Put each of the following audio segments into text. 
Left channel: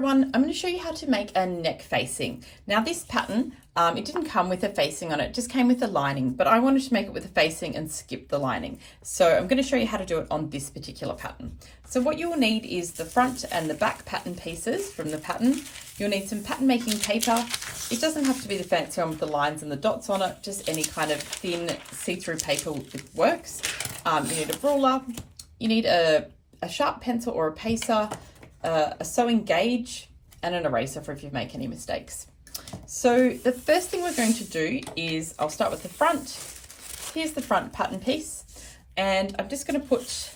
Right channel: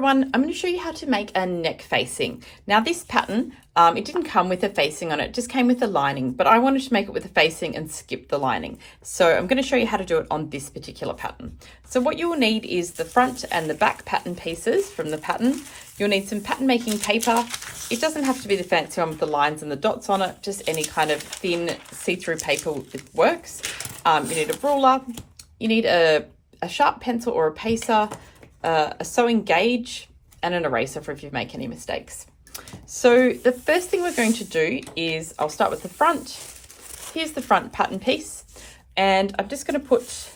everyone, I'm going to show you how to make a neck facing. Now this pattern, it didn't come with a facing on it, just came with a lining, but I wanted to make it with a facing and skip the lining. So I'm going to show you how to do it on this particular pattern. So what you will need is the front and the back pattern pieces from the pattern. You'll need some pattern making paper. It doesn't have to be the fancy one with the lines and the dots on it, just any kind of thin see-through paper works. You need a ruler, you need a sharp pencil or a pacer, a sewing gauge, and an eraser for if you make any mistakes. So the first thing we're going to do is, I'll start with the front. Here's the front pattern piece, and I'm just going to put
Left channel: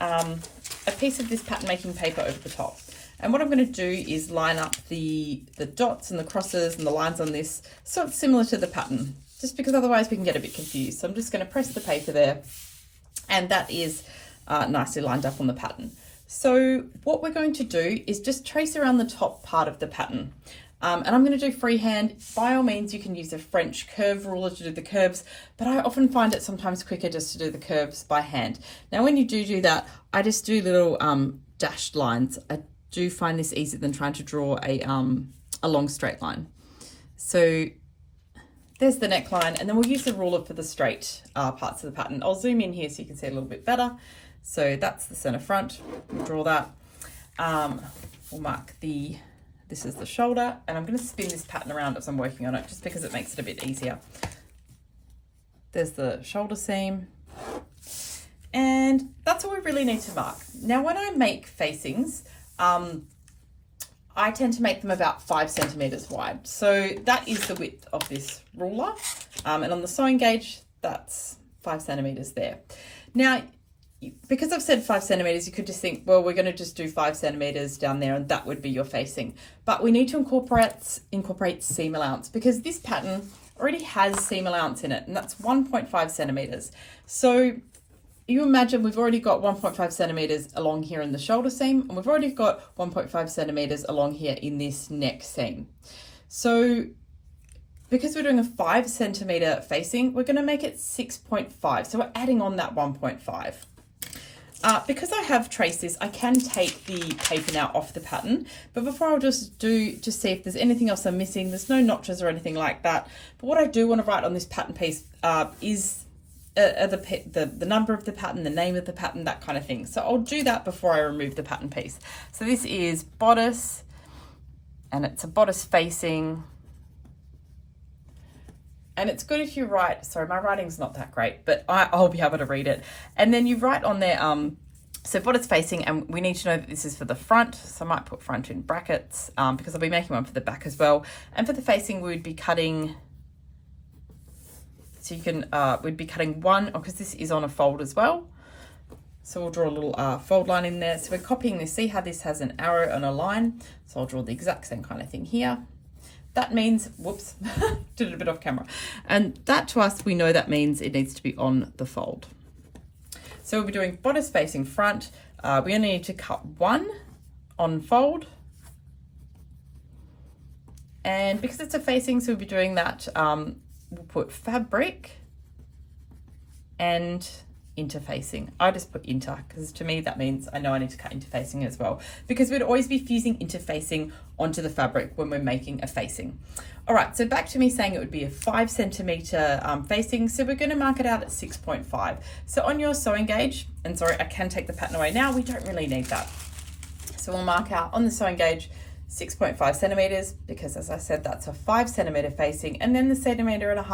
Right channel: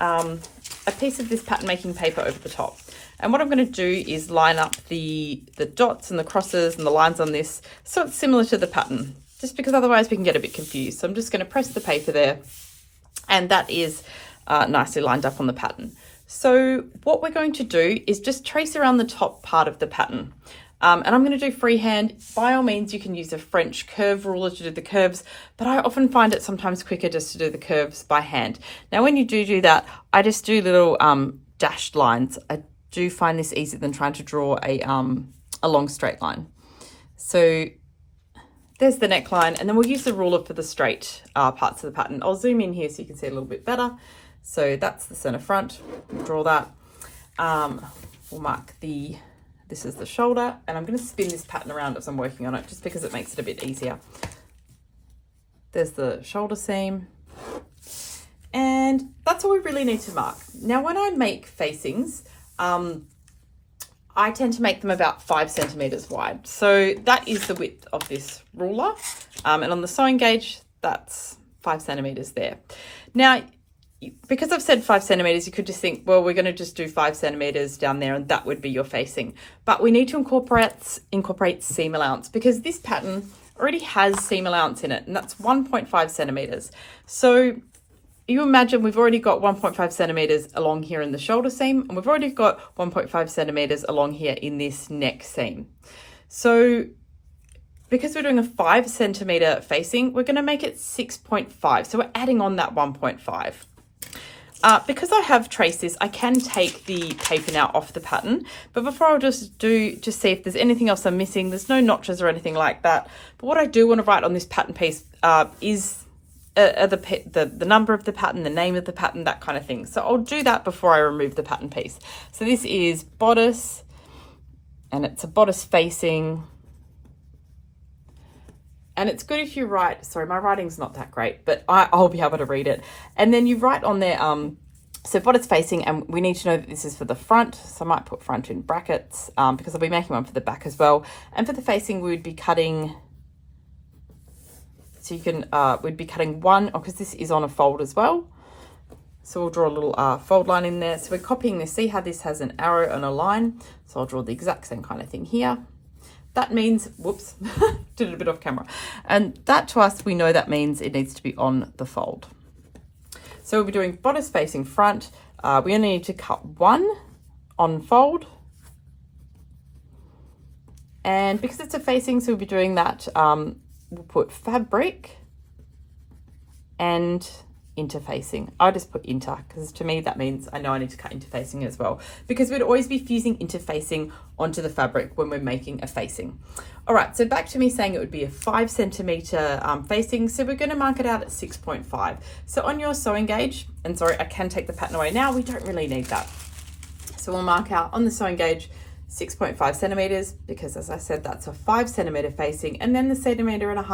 a piece of this pattern making paper over the top. And what I'm going to do is line up the dots and the crosses and the lines on this so it's similar to the pattern, just because otherwise we can get a bit confused. So I'm just going to press the paper there, and that is nicely lined up on the pattern. So what we're going to do is just trace around the top part of the pattern. And I'm going to do freehand. By all means, you can use a French curve ruler to do the curves, but I often find it sometimes quicker just to do the curves by hand. Now, when you do that, I just do little dashed lines. I do find this easier than trying to draw a long straight line. So there's the neckline, and then we'll use the ruler for the straight parts of the pattern. I'll zoom in here so you can see a little bit better. So that's the center front, we'll draw that. We'll mark this is the shoulder, and I'm going to spin this pattern around as I'm working on it, just because it makes it a bit easier. There's the shoulder seam, and that's all we really need to mark. Now, when I make facings, I tend to make them about 5 centimeters wide. So that is the width of this ruler. And on the sewing gauge, that's 5 centimeters there. Now, because I've said 5 centimeters, you could just think, well, we're going to just do 5 centimeters down there and that would be your facing. But we need to incorporate seam allowance, because this pattern already has seam allowance in it, and that's 1.5 centimeters. So you imagine we've already got 1.5 centimeters along here in the shoulder seam, and we've already got 1.5 centimeters along here in this neck seam. So because we're doing a 5 centimeter facing, we're going to make it 6.5. So we're adding on that 1.5. Because I have traced this, I can take the paper now off the pattern, but before I'll just see if there's anything else I'm missing. There's no notches or anything like that. But what I do want to write on this pattern piece is the number of the pattern, the name of the pattern, that kind of thing. So I'll do that before I remove the pattern piece. So this is bodice, and it's a bodice facing. And it's good if you write, sorry, my writing's not that great, but I'll be able to read it. And then you write on there, so bodice facing, and we need to know that this is for the front. So I might put front in brackets because I'll be making one for the back as well. And for the facing, we would be cutting, so you can, we'd be cutting one, because this is on a fold as well. So we'll draw a little fold line in there. So we're copying this. See how this has an arrow and a line? So I'll draw the exact same kind of thing here. That means, whoops, did it a bit off camera. And that to us, we know that means it needs to be on the fold. So we'll be doing bodice facing front. We only need to cut one on fold. And because it's a facing, so we'll be doing that, we'll put fabric and interfacing. I just put inter, because to me that means I know I need to cut interfacing as well, because we'd always be fusing interfacing onto the fabric when we're making a facing. All right, so back to me saying it would be a 5 centimeter facing, so we're going to mark it out at 6.5. So on your sewing gauge, and sorry, I can take the pattern away now, we don't really need that. So we'll mark out on the sewing gauge 6.5 centimeters, because as I said, that's a 5 centimeter facing, and then the 1.5 centimeters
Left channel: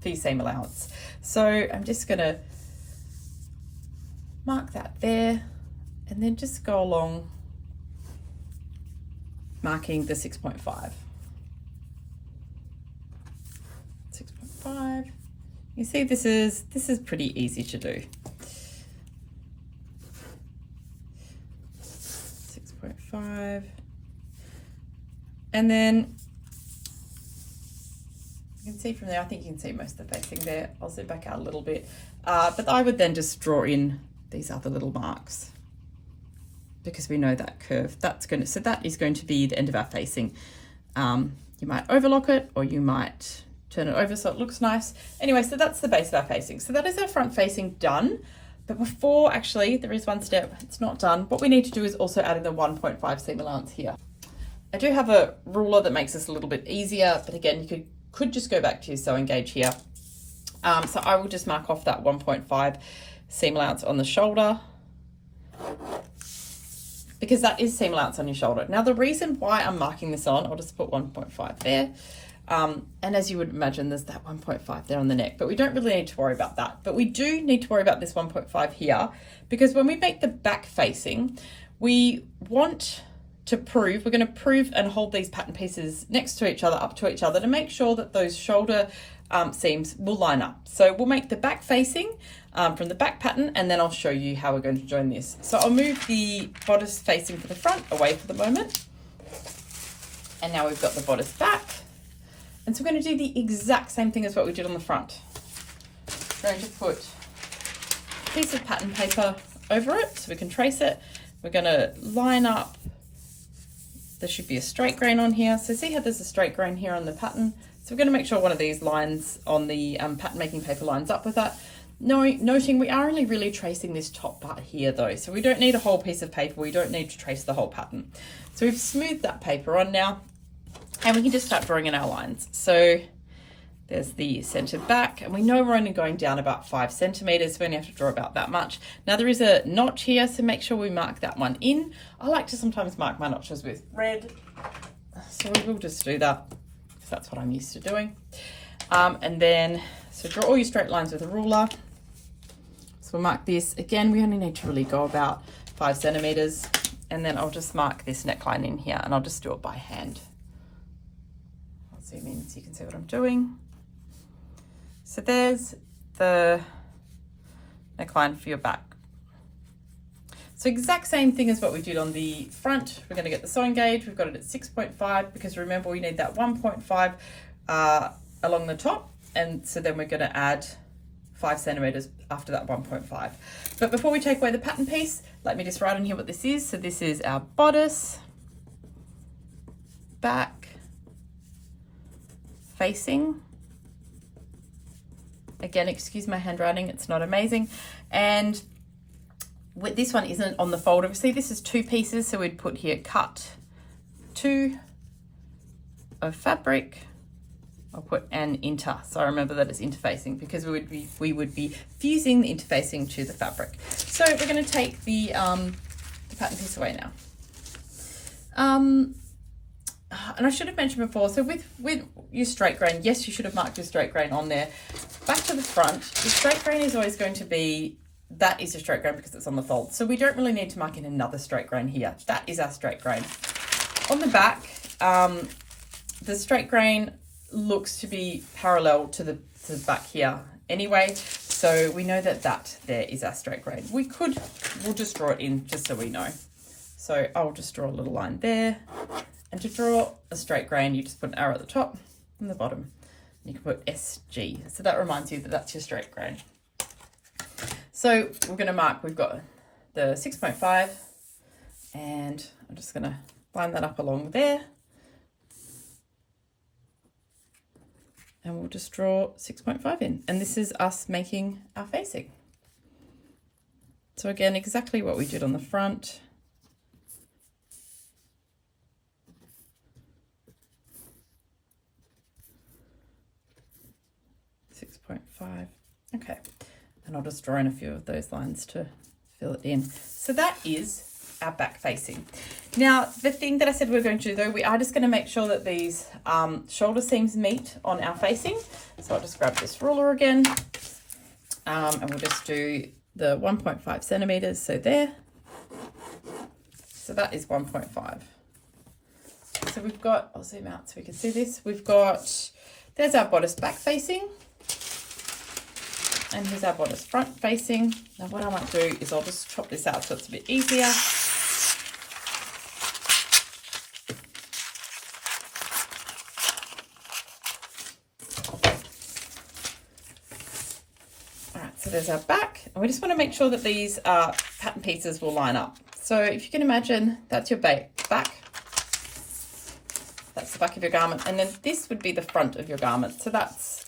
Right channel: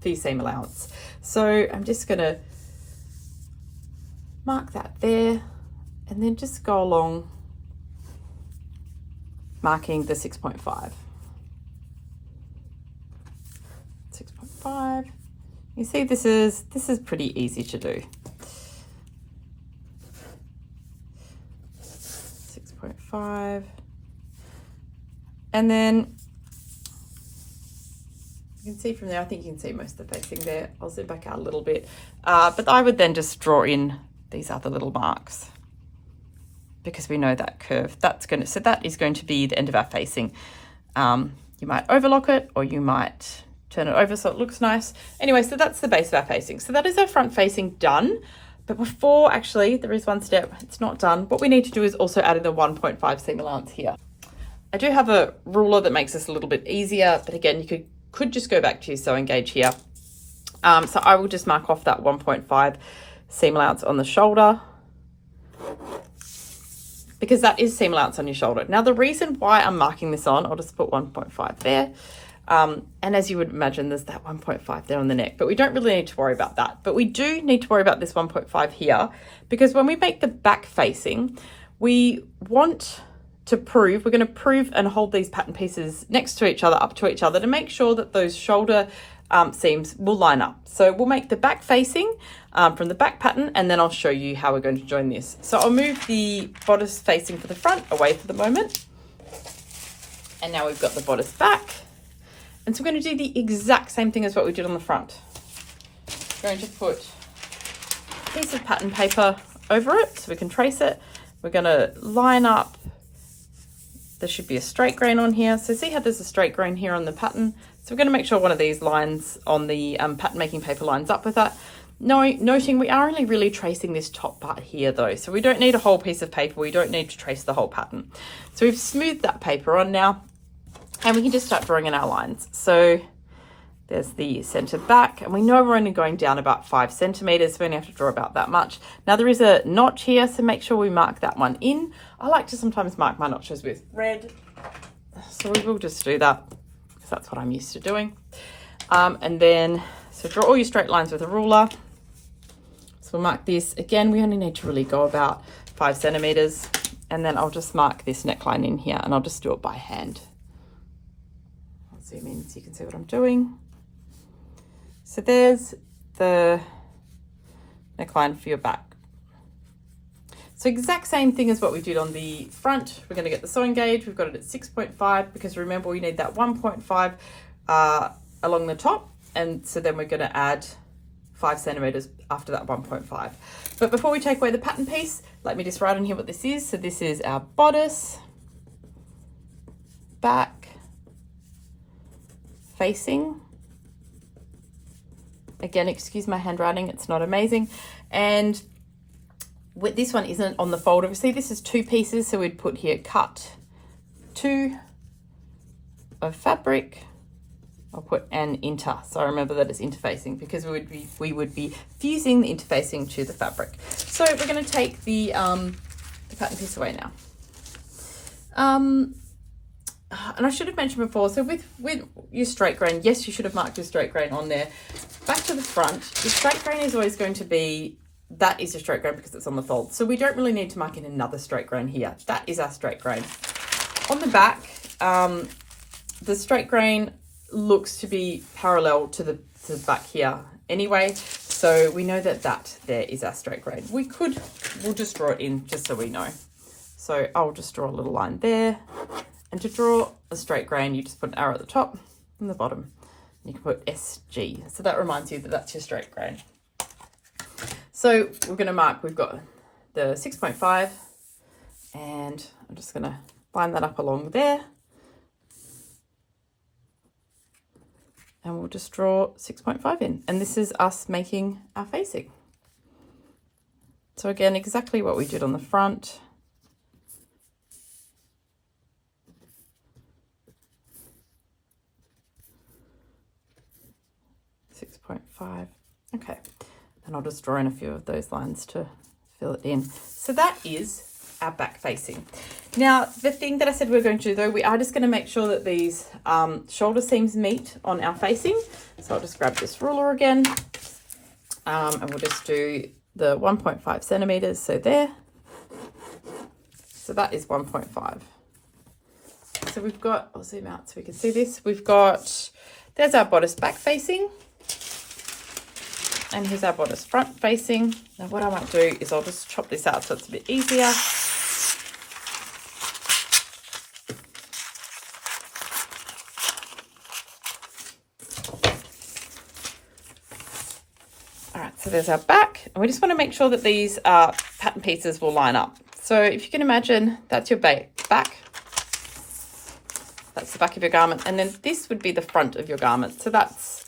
for your seam allowance. So I'm just going to mark that there, and then just go along marking the 6.5. 6.5. You see, this is pretty easy to do. 6.5. And then you can see from there, I think you can see most of the facing there. I'll zoom back out a little bit. But I would then just draw in these other little marks, because we know that curve. So that is going to be the end of our facing. You might overlock it, or you might turn it over so it looks nice. Anyway, so that's the base of our facing. So that is our front facing done. But before, actually, there is one step, it's not done. What we need to do is also add in the 1.5 seam allowance here. I do have a ruler that makes this a little bit easier, but again, you could just go back to your sewing gauge here. So I will just mark off that 1.5 seam allowance on the shoulder, because that is seam allowance on your shoulder. Now, the reason why I'm marking this on, I'll just put 1.5 there. And as you would imagine, there's that 1.5 there on the neck, but we don't really need to worry about that. But we do need to worry about this 1.5 here, because when we make the back facing, we want to prove, we're going to prove and hold these pattern pieces next to each other, up to each other, to make sure that those shoulder seams will line up. So we'll make the back facing from the back pattern, and then I'll show you how we're going to join this. So I'll move the bodice facing for the front away for the moment. And now we've got the bodice back. And so we're going to do the exact same thing as what we did on the front. We're going to put a piece of pattern paper over it so we can trace it. We're going to line up. There should be a straight grain on here. So see how there's a straight grain here on the pattern? So we're going to make sure one of these lines on the pattern making paper lines up with that. Noting we are only really tracing this top part here though. So we don't need a whole piece of paper. We don't need to trace the whole pattern. So we've smoothed that paper on now, and we can just start drawing in our lines. So there's the center back, and we know we're only going down about 5 centimeters. We only have to draw about that much. Now there is a notch here, so make sure we mark that one in. I like to sometimes mark my notches with red, so we will just do that because that's what I'm used to doing. And then, so draw all your straight lines with a ruler. So we'll mark this. Again, we only need to really go about 5 centimeters, and then I'll just mark this neckline in here, and I'll just do it by hand. I'll zoom in so you can see what I'm doing. So there's the neckline for your back. So exact same thing as what we did on the front. We're going to get the sewing gauge. We've got it at 6.5 because remember we need that 1.5 along the top. And so then we're going to add 5 centimeters after that 1.5. But before we take away the pattern piece, let me just write on here what this is. So this is our bodice, back, facing. Again, excuse my handwriting, it's not amazing. And this one isn't on the fold. Obviously, this is 2 pieces, so we'd put here cut 2 of fabric. I'll put an inter, so remember that it's interfacing because we would be fusing the interfacing to the fabric. So we're going to take the pattern piece away now. And I should have mentioned before, so with your straight grain, yes, you should have marked your straight grain on there. Back to the front, your straight grain is always going to be, that is your straight grain because it's on the fold. So we don't really need to mark in another straight grain here. That is our straight grain. On the back, the straight grain looks to be parallel to the back here anyway. So we know that there is our straight grain. We'll just draw it in just so we know. So I'll just draw a little line there. And to draw a straight grain, you just put an arrow at the top and the bottom. You can put SG. So that reminds you that that's your straight grain. So we're going to mark, we've got the 6.5 and I'm just going to line that up along there. And we'll just draw 6.5 in. And this is us making our facing. So again, exactly what we did on the front. 6.5. Okay, and I'll just draw in a few of those lines to fill it in. So that is our back facing. Now, the thing that I said we're going to do though, we are just going to make sure that these shoulder seams meet on our facing. So I'll just grab this ruler again, and we'll just do the 1.5 centimeters. So there. So that is 1.5. So we've got, I'll zoom out so we can see this. We've got, there's our bodice back facing. And here's our bodice front facing. Now what I might do is I'll just chop this out so it's a bit easier. All right, so there's our back. And we just want to make sure that these pattern pieces will line up. So if you can imagine, that's your back. That's the back of your garment. And then this would be the front of your garment. So that's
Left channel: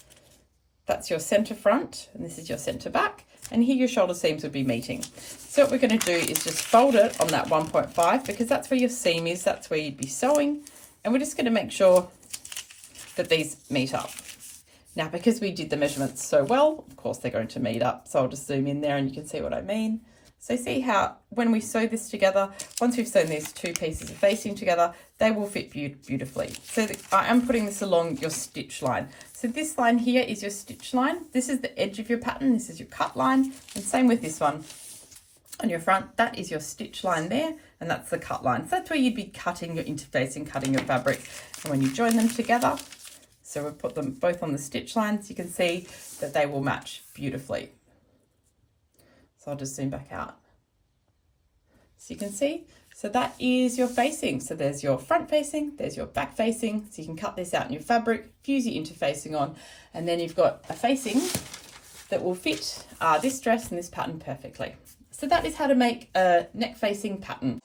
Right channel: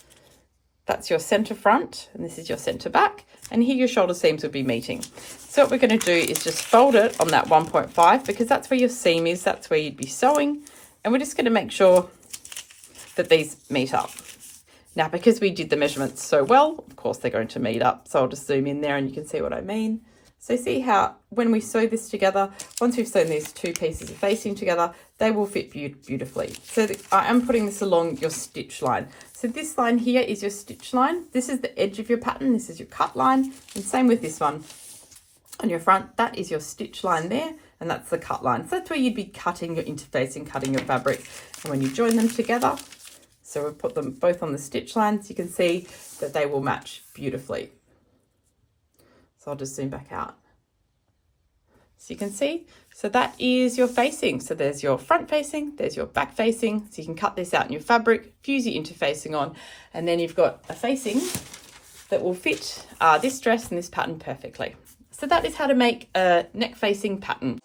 your center front and this is your center back. and here your shoulder seams would be meeting. So what we're going to do is just fold it on that 1.5 because that's where your seam is, that's where you'd be sewing, and we're just going to make sure that these meet up. Now, because we did the measurements so well, of course they're going to meet up, so I'll just zoom in there and you can see what I mean. So see how when we sew this together, once we've sewn these two pieces of facing together, they will fit beautifully. So I am putting this along your stitch line. So this line here is your stitch line. This is the edge of your pattern. This is your cut line. And same with this one on your front. That is your stitch line there. And that's the cut line. So that's where you'd be cutting your interfacing, cutting your fabric. And when you join them together, so we've put them both on the stitch lines, you can see that they will match beautifully. So I'll just zoom back out. So you can see, so that is your facing. So there's your front facing, there's your back facing. So you can cut this out in your fabric, fuse your interfacing on, and then you've got a facing that will fit this dress and this pattern perfectly. So that is how to make a neck facing pattern.